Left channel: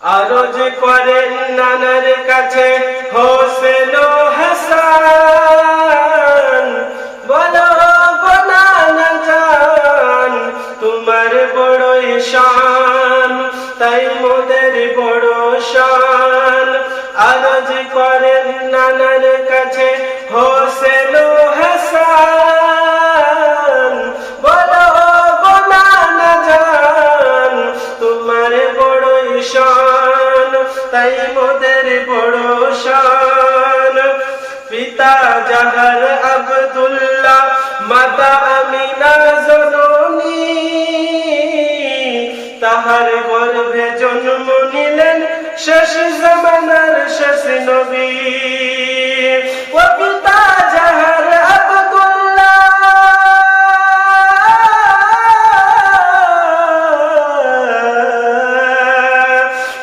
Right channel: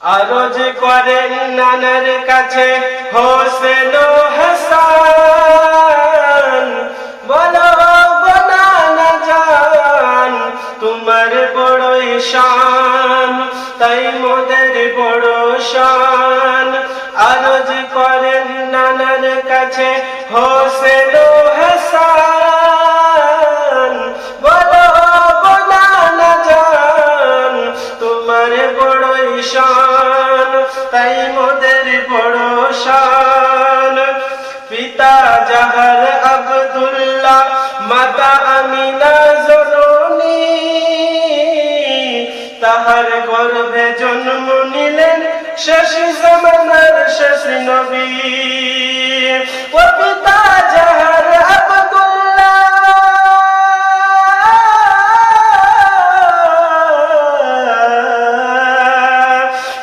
আরজ করেন নানার কাছে হোসেন ও হাসান, বলো গো নানা জান তোমার বড়ই শান, তাই মোদের বড় শান। আরজ করেন নানার কাছে হোসেন ও হাসান, বলো গো নানা জান তোমার বড়ই শান, তাই মোদের বড় শান। পিতা জাহার আব্দুল্লাহ, মাতা আমিনা জননী, তাহার গর্ভে জন্ম নিলেন শেষ জামানার শেষ নবী। ও পিতা জাহার আব্দুল্লাহ,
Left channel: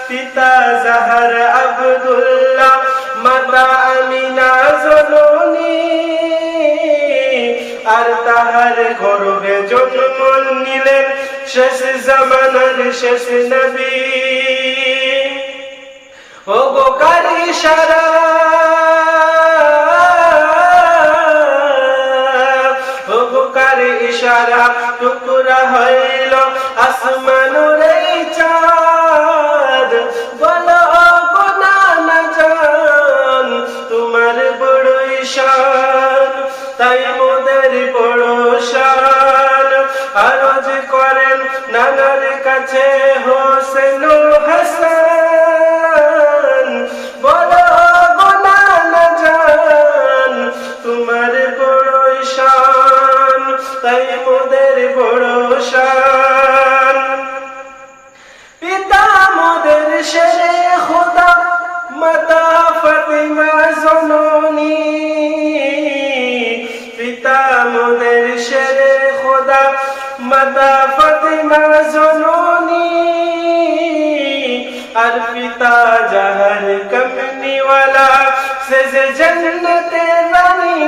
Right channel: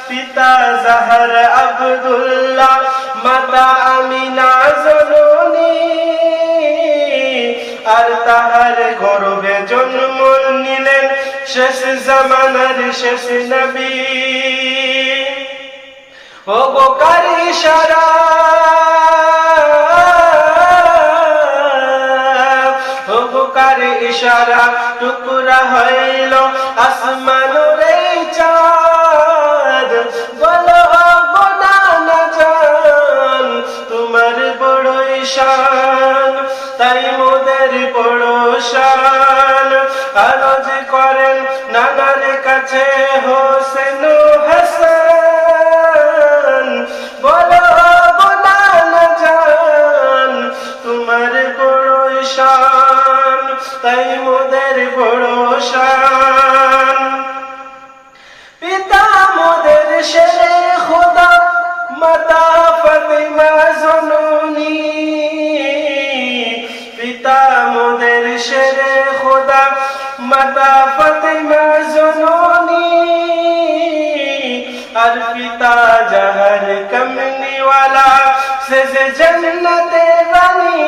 পিতা জাহার আব্দুল্লাহ, মাতা আমিনা জননী, আর তাহার গর্ভে জন্ম নিলেন শেষ জামানার শেষ নবী। ও গো কার ইশারা, ও গো কার ইশারা টুকরা হইল আসমানের এই চাঁদ, বলো গো নানা জান তোমার বড়ই শান, তাই মোদের বড় শান। আরজ করেন নানার কাছে হোসেন ও হাসান, বলো গো নানা জান তোমার বড়ই শান, তাই মোদের বড় শান। পিতা মোদের শেরে খোদা, মাতা ফাতিমা জননী, পিতা মোদের শেরে খোদা, মাতা ফাতিমা জননী, আর পিতা জাহার কমনিওয়ালা সে যে জন্নতে রানী।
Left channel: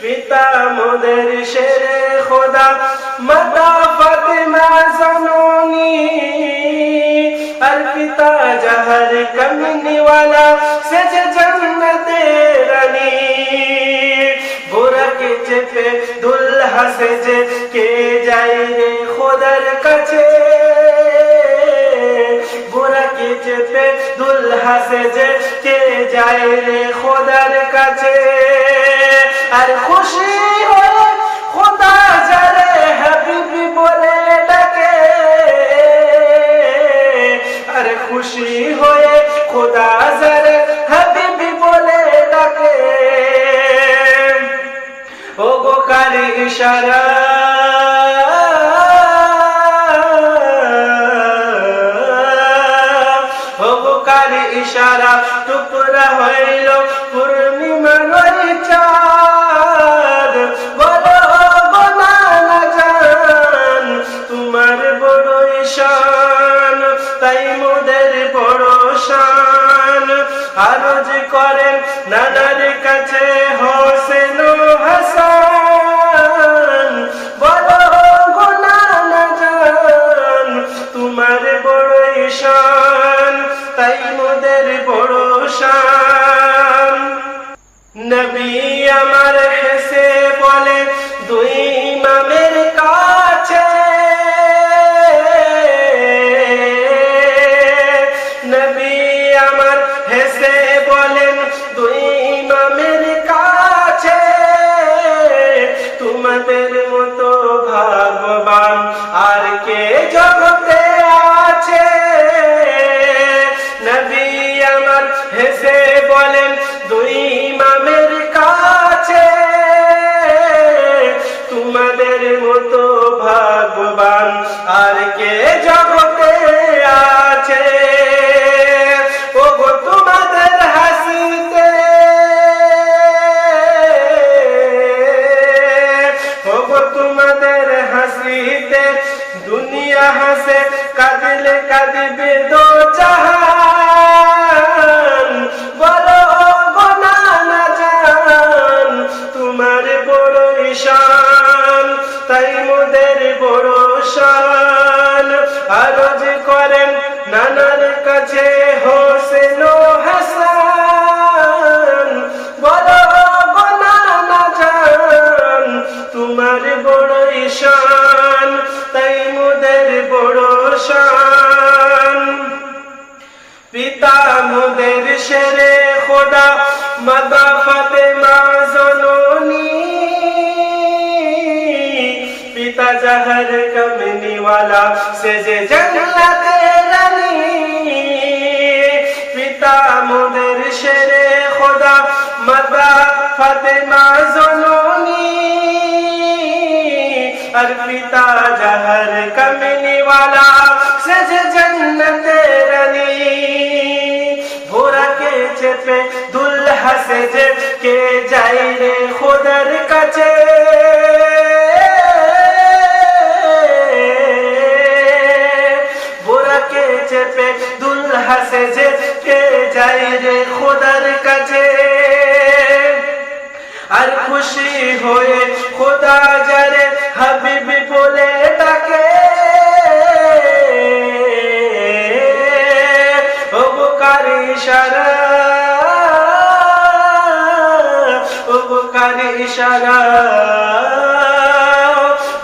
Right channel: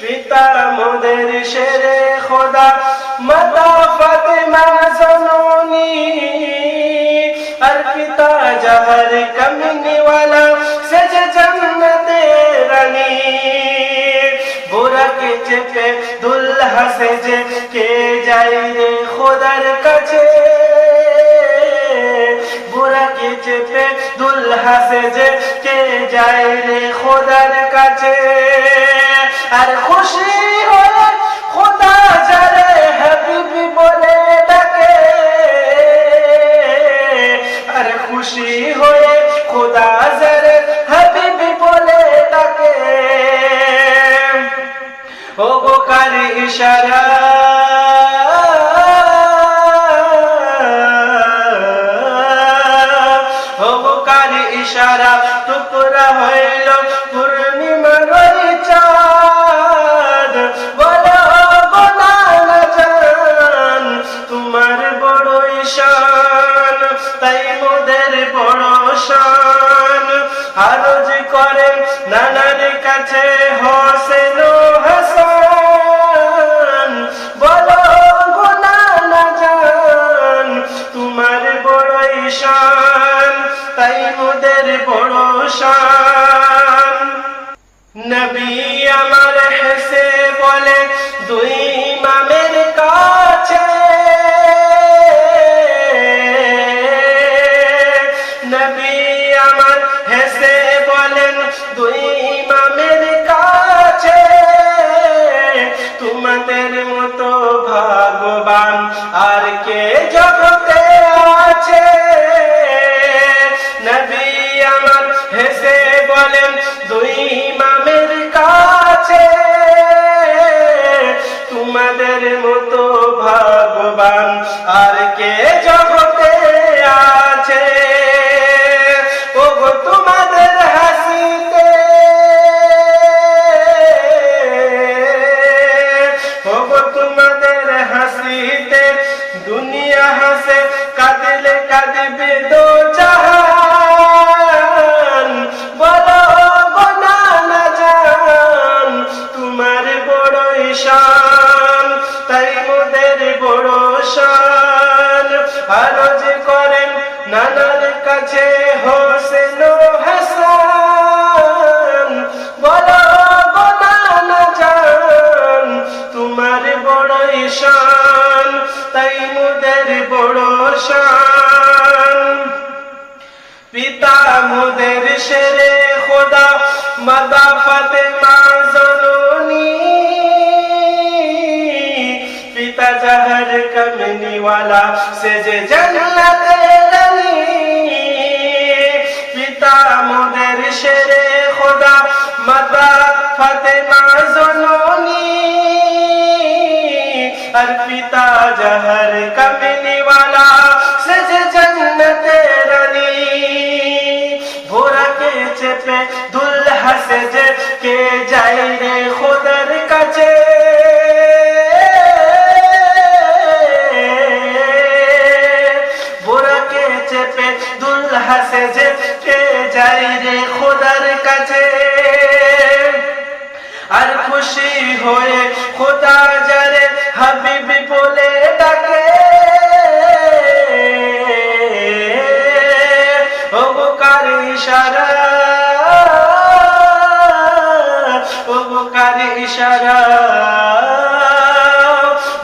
পিতা মোদের শেরে খোদা, মাতা ফাতিমা জননী, আর পিতা জাহার কমনিওয়ালা সে যে জন্নতে রানী। বুরাকে চেপে দুলহা সেজে কে যায় রে খোদার কাছে, বুরাকে চেপে দুলহা সেজে কে যায় রে খোদার কাছে। আর খুশি হয়ে খোদা যারে হাবিবি বলে ডাকে, আর খুশি হয়ে খোদা যারে হাবিবি বলে ডাকে। ও গো কার ইশারা, ও গো কার ইশারা টুকরা হইল পূর্ণিমার ওই চাঁদ, বলো গো নানা জান তোমার বড়ই শান, তাই মোদের বড় শান। আরজ করেন নানার কাছে হোসেন ও হাসান, বলো গো নানা জান তোমার বড়ই শান, তাই মোদের বড় শান। নবী আমার হেসে বলে দুই ইমামের কাছে, নবী আমার হেসে বলেন দুই ইমামের কাছে, তোমাদের মতো ভাগ্যবান আর কে জগতে আছে। নবী আমার হেসে বলেন দুই ইমামের কাছে, তোমাদের মতো ভাগ্যবান আর কে জগতে আছে। ও গো তোমাদের হাসিতে, ও গো তোমাদের হাসিতে দুনিয়া হাসে, কাঁদলে কাঁদবে দো জাহান, বলো গো নানা জান তোমার বড়ই শান, তাই মোদের বড় শান। আরজ করেন নানার কাছে হোসেন ও হাসান, বলো গো নানা জান তোমার বড়ই শান, তাই মোদের বড় শান। পিতা মোদের শেরে খোদা মাতা ফাতেমা জননী, পিতা জহর কমনি ওয়ালা সেজে জান্নাতে রানী। পিতা মোদের শেরে খোদা মাতা ফাতেমা জননী, আর পিতা জহর কমনি ওয়ালা সেজে জান্নাতে রানী। ঘোড়াকে চেপে দুলহা সেজে কে যায় রে খোদার কাছে, ঘোড়াকে চেপে দুলহা সেজে কে যায় রে খোদার কাছে। আর খুশি হয়ে খোদা যারে হাবিবি বলে ডাকে, ও বুকার ইশারা, ও বুকার ইশারা,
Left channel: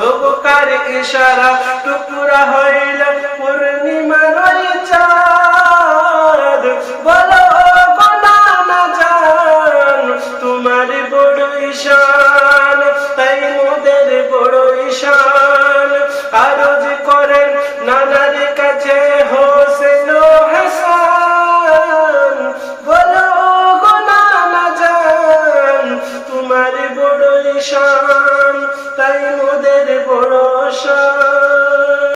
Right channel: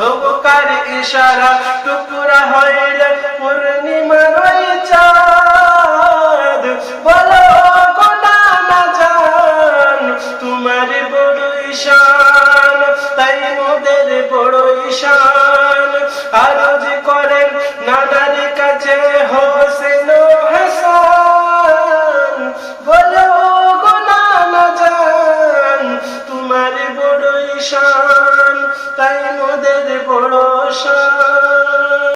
ও বুকার ইশারা, টুকরা হইল পূর্ণিমার ওই চাঁদ, বলো গো নানা জান তোমার বড়ই শান, তাই মোদের বড়ই শান। আরজ করেন নানার কাছে